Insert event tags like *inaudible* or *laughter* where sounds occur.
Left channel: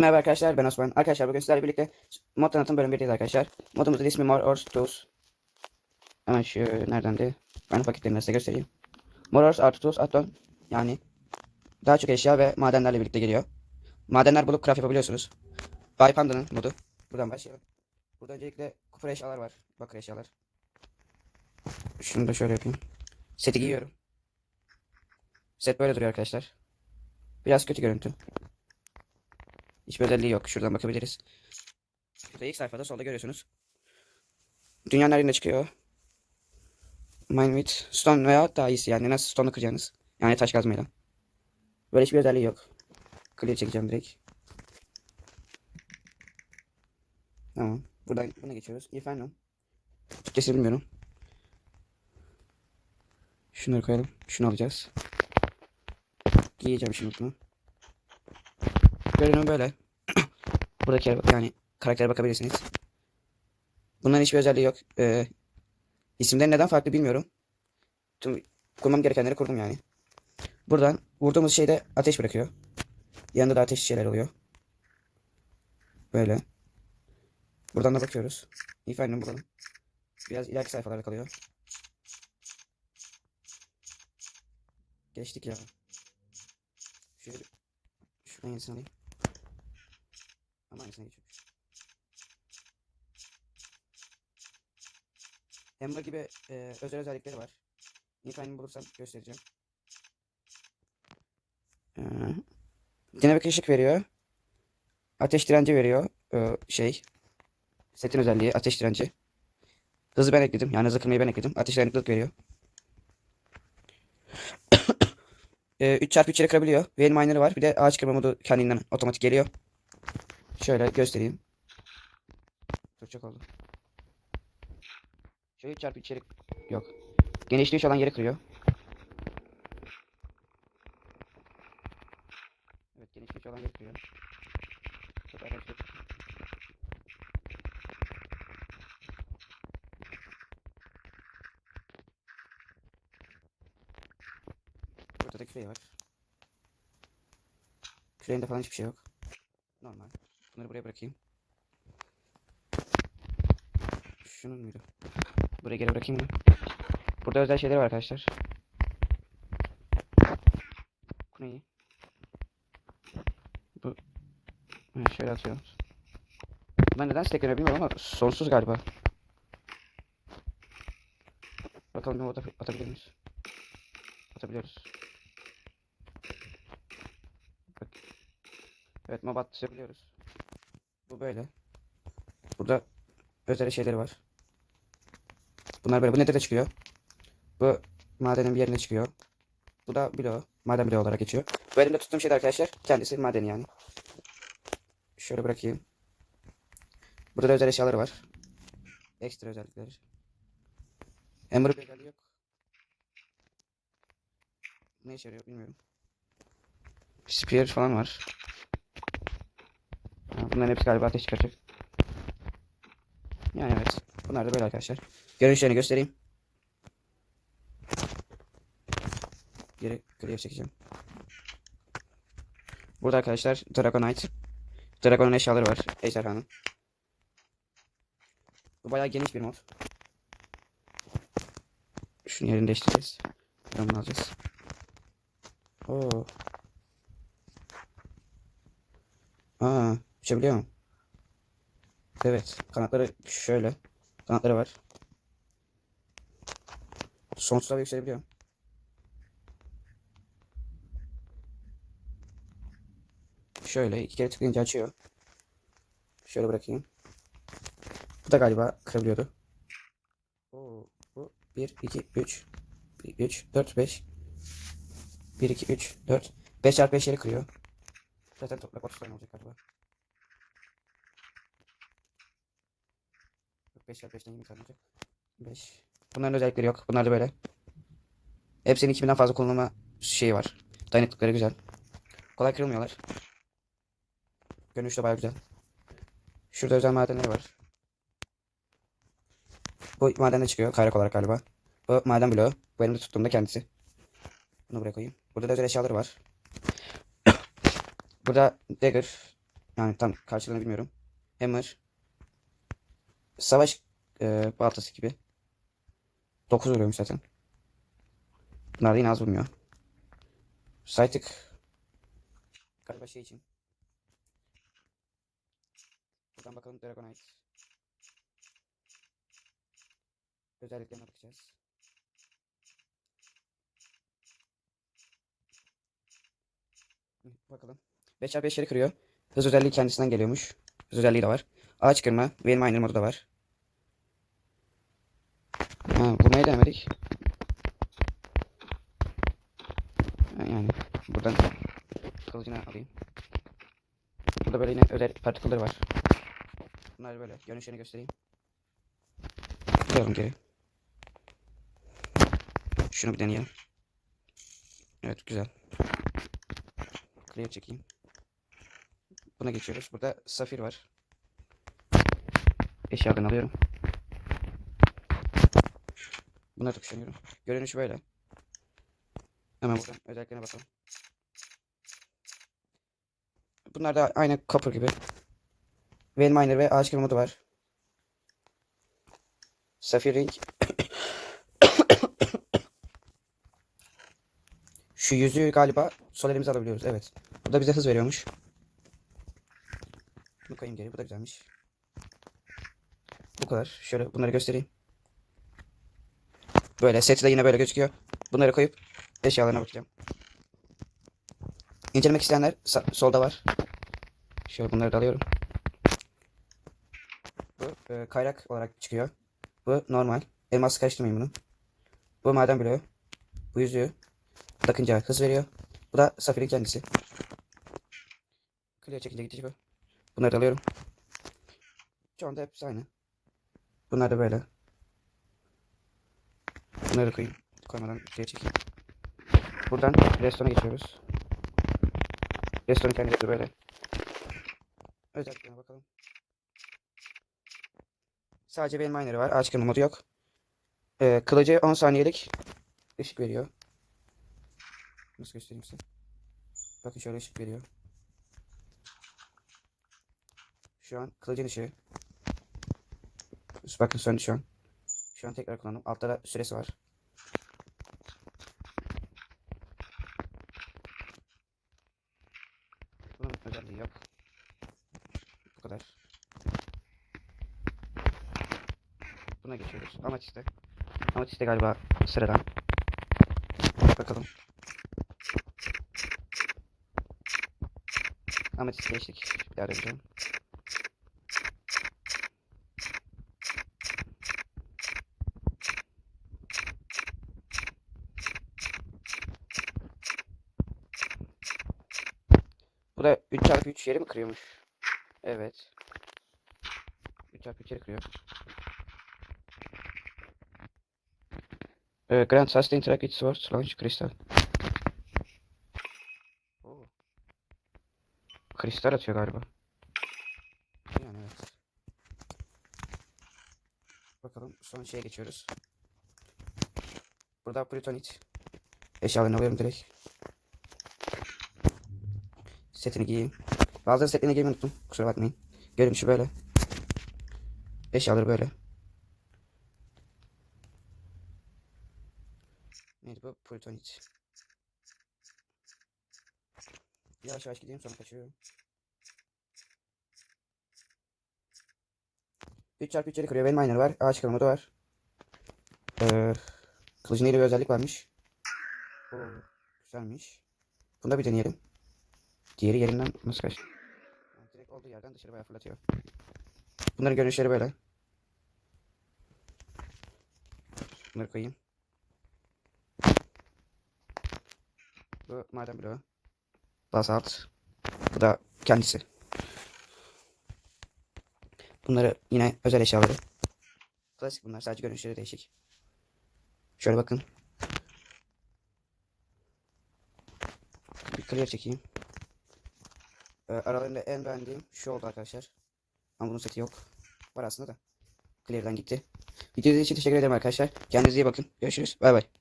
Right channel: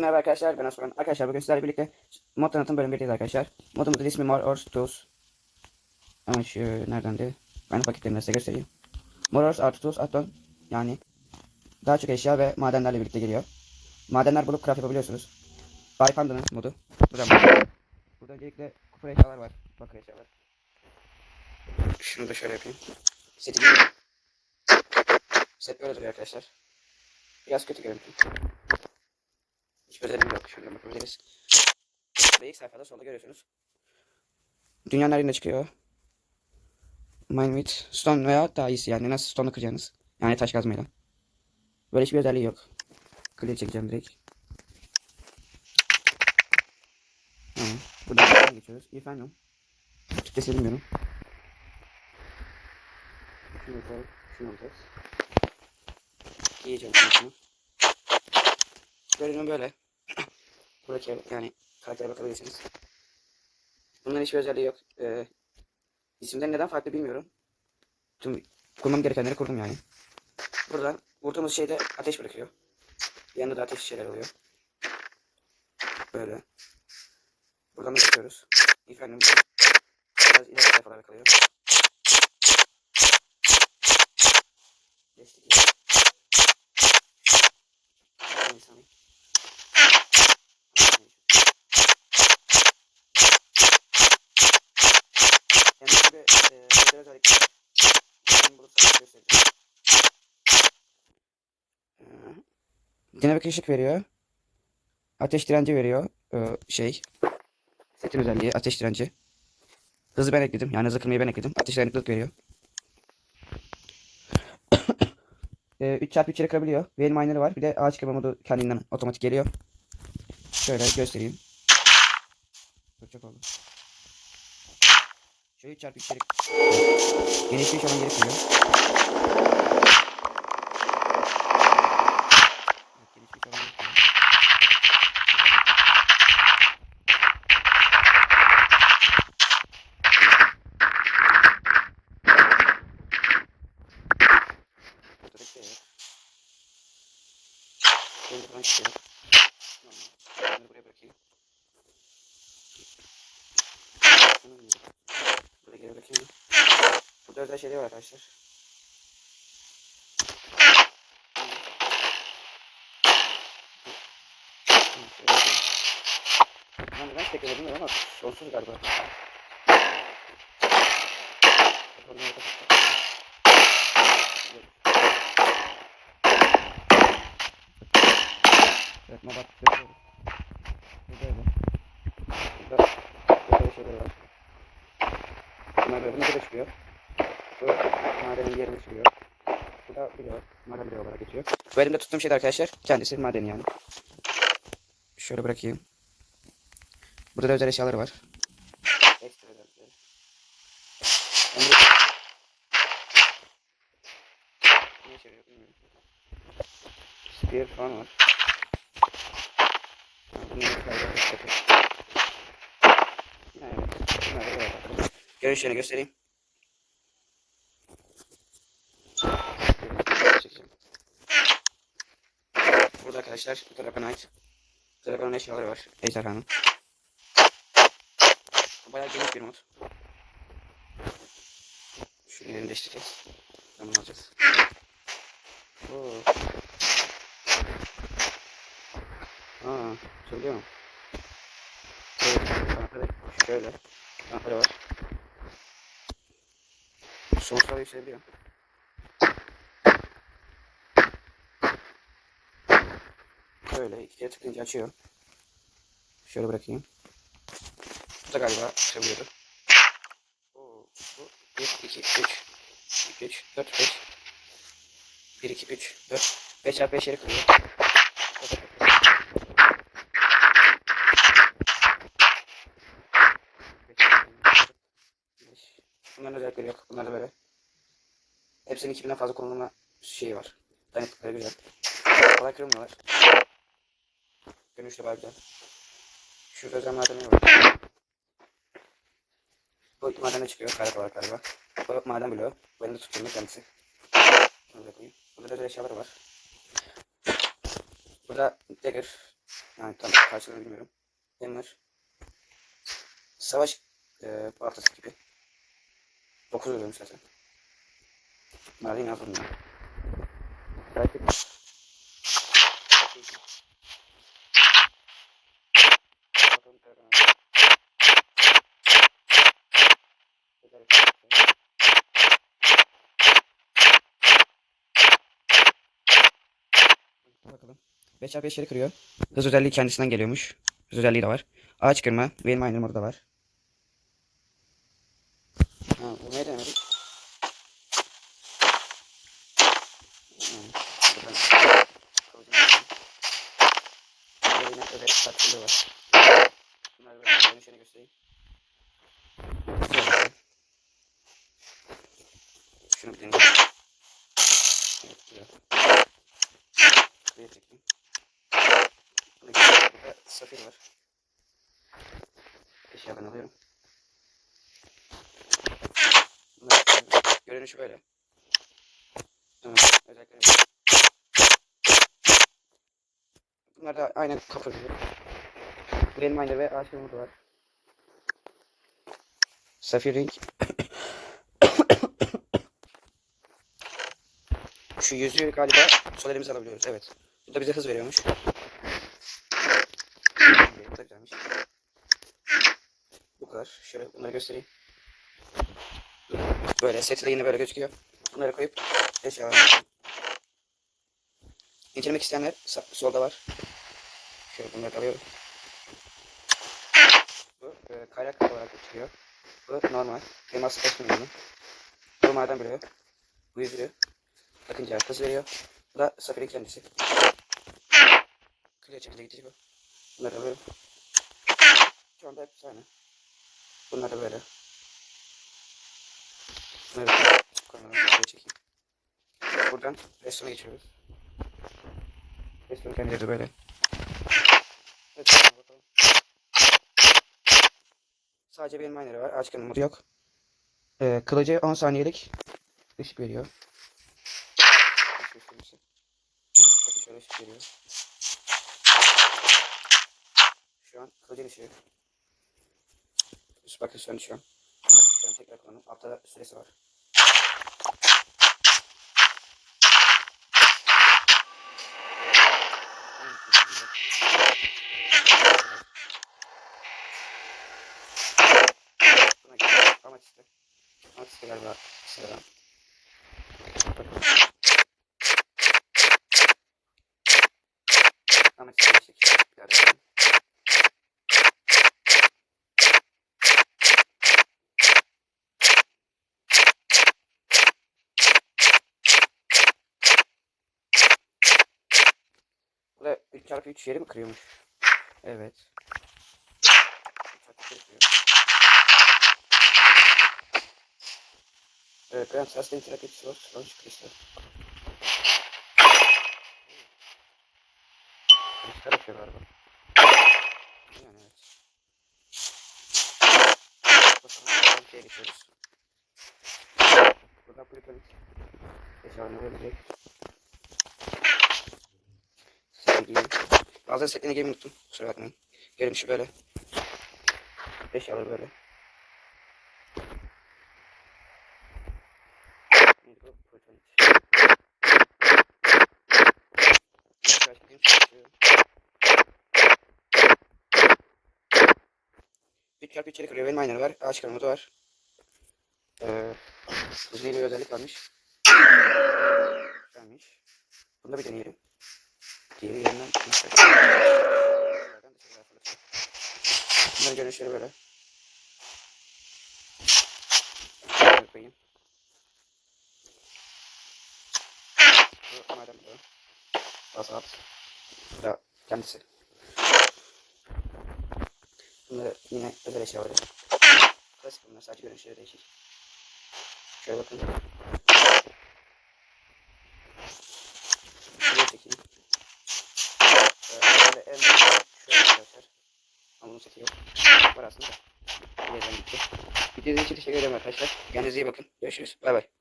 Merhaba arkadaşlar ben Osman. Arkadaşlar bugün sizlerle birlikte mod tanıtım bölüm 1'deyiz arkadaşlar. Modumuzun ismi More Ors Tools. Hemen şu nereden de ben paketlerini size göstereyim. More Ors artı Tools addon yani daha çok eşya ve madenlerle birlikte geliyor. Madenler bulup craft yapabiliyorsunuz. Bay Panda'nın modu. Buradan başlıyor. Burada öncelikle kupur eşyalar var. Bakır eşyalar. Şunu da şöyle yapayım. Seti giyiyorum. Set böyle duruyor arkadaşlar. Biraz kötü görüntü. Hiçbir özelliği yok. Şuradan bakabiliriz. Burada ilk sayfada solda görüyorsunuz. Dünyanın her yerine çıkıyor. Mine with stone veya daha iyisi yani nasıl stone'u kıracaksınız. Yani taş kazmayla. Böyle hiçbir özelliği yok. Clear çekeceğim direkt. Tamam. Buradan geçiyoruz. Efendim. Türkçesi bilmiyorum. Şunları koyalım. Şunu alacağız. Giyeceğim şunu. Görünüm böyle. *clears throat* Buradaki yani karaktere bakabilirsiniz. Bunların hiçbir özelliği yok. Ee, isimleri neden farklı bilmiyorum. Tüm kurmam gerekenleri kurdum yani. Burada vurduğumuz şeyde ateş bırakıyor. Yanında da ateş şeyler oluyor. Böyle. Buradan da bakıyoruz. Efendim burada. Biraz ileriki sayfalarda kalıyor. Geçtik ya. Şu gibi e, özel özellikler var. Bulursak göstereceğim. Ee, dinamik ışık veriyor. Ateş direnci veriyor. Ee, şey. Setin özelliği ateş direnci. Hızı ben ekledim. Yani hızı kırmayı ben ekledim. Ateş dayanıklılık veriyor. *coughs* e, 3 çarpı 3 yere kırabiliyor. Veil miner'ı var. Bir de ağaç kırma modu kendinden otomatik geliyor. Şöyle göstereyim. Çok çok oldu. Şöyle 3 çarpı 3 yere genişliği olan yere kırıyor. Evet, genişliği olan yere kırıyor. Burada da şey var. Benim de falan hiçbir şey yok. Normal. Bunları buraya bırakayım. Şunu muydu? Buraya geri bırakayım mı? Burada özel şeyler var arkadaşlar. Şöyle yapayım. Ben neden stack bilmiyorum ama sonsuz galiba. Bakalım ne orada atabiliriz. Atabiliyoruz. Evet mobat yapıyoruz. Bu böyle. Burada özel şeyleri var. Bunlar böyle. Bu ne çıkıyor? Bu madenin bir yerine çıkıyor. Bu da bilo. Maden bilo olarak geçiyor. Bu elimde tuttuğum şey arkadaşlar. Kendisi maden yani. Şöyle bırakayım. Burada da özel eşyaları var. Ekstra özellikleri. Emre... Ne işe yarıyor bilmiyorum. Spear falan var. Ha, bunların hepsi galiba ateş tepe. Yani evet. Bunlar da böyle arkadaşlar. Görünüşlerini göstereyim. Çekeceğim. Burada arkadaşlar Dragonite. Dragon'un eşyaları var. Ejderhanın. Bu bayağı geniş bir mod. Şunu yerini değiştireceğiz. Bunu alacağız. Oo. Aa, uçabiliyor mu? Evet, kanatları şöyle. Kanatları var. Da yükselebiliyor. Şöyle iki kere tıklayınca açıyor. Şöyle bırakayım. Bu da galiba açabiliyordu. Oo, bu 1, 2, 3, 3, 4, 5. 1, 2, 3, 4. 5 çarpı 5 yeri kırıyor. Kapat, kapat, kapat. Beş, beş. Bunların özellikleri yok. Bunlar da böyle. Hepsinin 2000'den fazla kullanılma şeyi var. Dayanıklıkları güzel. Kolay kırılmıyorlar. Görünüş de baya güzel. Şurada özel madenleri var. Bu madende çıkıyor. Kaynak olarak galiba. Bu maden bloğu. Bu elimde tuttuğumda kendisi. Bunu buraya koyayım. Burada da özel eşyaları var. *coughs* Burada dagger. Yani tam karşılığını bilmiyorum. Hammer. Savaş e, baltası gibi. 9 vuruyorum zaten. Bunlar yine az vurmuyor. Saytık. Şey için. Bakalım Dragonite. Özellikle Bakalım. 5 çarpı 5'leri kırıyor. Hız özelliği kendisinden geliyormuş. Hız özelliği de var. Ağaç kırma. Veil Miner modu da var. Ha, vurmayı denemedik. Yani buradan kılıcını yapalım. Burada böyle yine özel partikülleri var. Bunları böyle dönüşlerini göstereyim. Tabii. Şunu bir deneyeyim. Evet güzel. Clear çekeyim. Buna geçiyoruz. Burada safir var. Eşyadan alıyorum. Bunları düşünüyorum. Görünüşü böyle. Hemen özelliklerine bakalım. Bunlar da aynı copper gibi. Veil Miner ve ağaç kırma var. Sapphire Ring. *coughs* Şu yüzüğü galiba sol elimize alabiliyoruz. Evet. Bu da bize hız veriyormuş. Bu da güzelmiş. Bu kadar. Şöyle bunları göstereyim. Böyle seti de yine böyle gözüküyor. Bunları koyup eşyalarına yapalım. İncelemek isteyenler solda var. Şöyle bunları da alıyorum. Bu e, kayrak olarak çıkıyor. Bu normal. Elmas karıştırmayın Bu maden bloğu. Bu yüzüğü. Takınca hız veriyor. Bu da safirin kendisi. Clear şekilde gidiyor. Bunları da alıyorum. Şu anda hepsi aynı. Bunlar da böyle. Bunları da koymadan şuraya çekeyim. Buradan restorana geçiyoruz. Restoran kendisi de böyle. Evet bakalım. Sadece benim miner'ı var. Ağaç kırma modu yok. Ee, kılıcı 10 saniyelik ışık veriyor. Nasıl göstereyim size? Bakın şöyle ışık veriyor. Şu an kılıcın ışığı. Bakın söndü şu an. Şu an tekrar kullandım. Altta da süresi var. Evet, güzel. Bu kadar. Buna geçelim. Amatiste. Amatiste galiba sıradan. Bakalım. Amatiste geçtik. Bir Bu da 3 çarpı 3 yeri mi kırıyormuş? Evet. 3 çarpı 3 yeri kırıyor. Evet, Grand Sustain Track It Swords Launch Crystal. Kristal atıyor galiba. Yani evet. Bakalım son şeye geçiyoruz. Burada Plutonit. Eşyalarını alıyorum direkt. Setini giyeyim. Bazıları setini giymeyi unuttum. Kusura bakmayın. Görünüşü böyle. Eşyaları böyle. Neydi bu? Plutonit. Yavaş yavaş gideyim. geçiyorum. 3 çarpı 3'leri kırıyor. Benim aynaları var. Ağaç kırma modu var. Ee, kılıcın bir özellik varmış. Güzelmiş. Bunu da bir deneyelim. Diğeri yerinden nasıl fırlatıyor. Bunların görünüşleri böyle. Şöyle koyayım. Bu maden bloğu. Basalt. Bu da kendisi. Bunları yine özel eşyaları. Klasik bunlar sadece görünüşleri değişik. Şöyle bakın. Şuraya çekeyim. Ee, arabayla en doğru şu oldu arkadaşlar. Ama bunun seti yok. Var aslında da. İleriden gitti. Videoyu için teşekkür ederim arkadaşlar. Kendinize iyi bakın. Görüşürüz. Bay bay.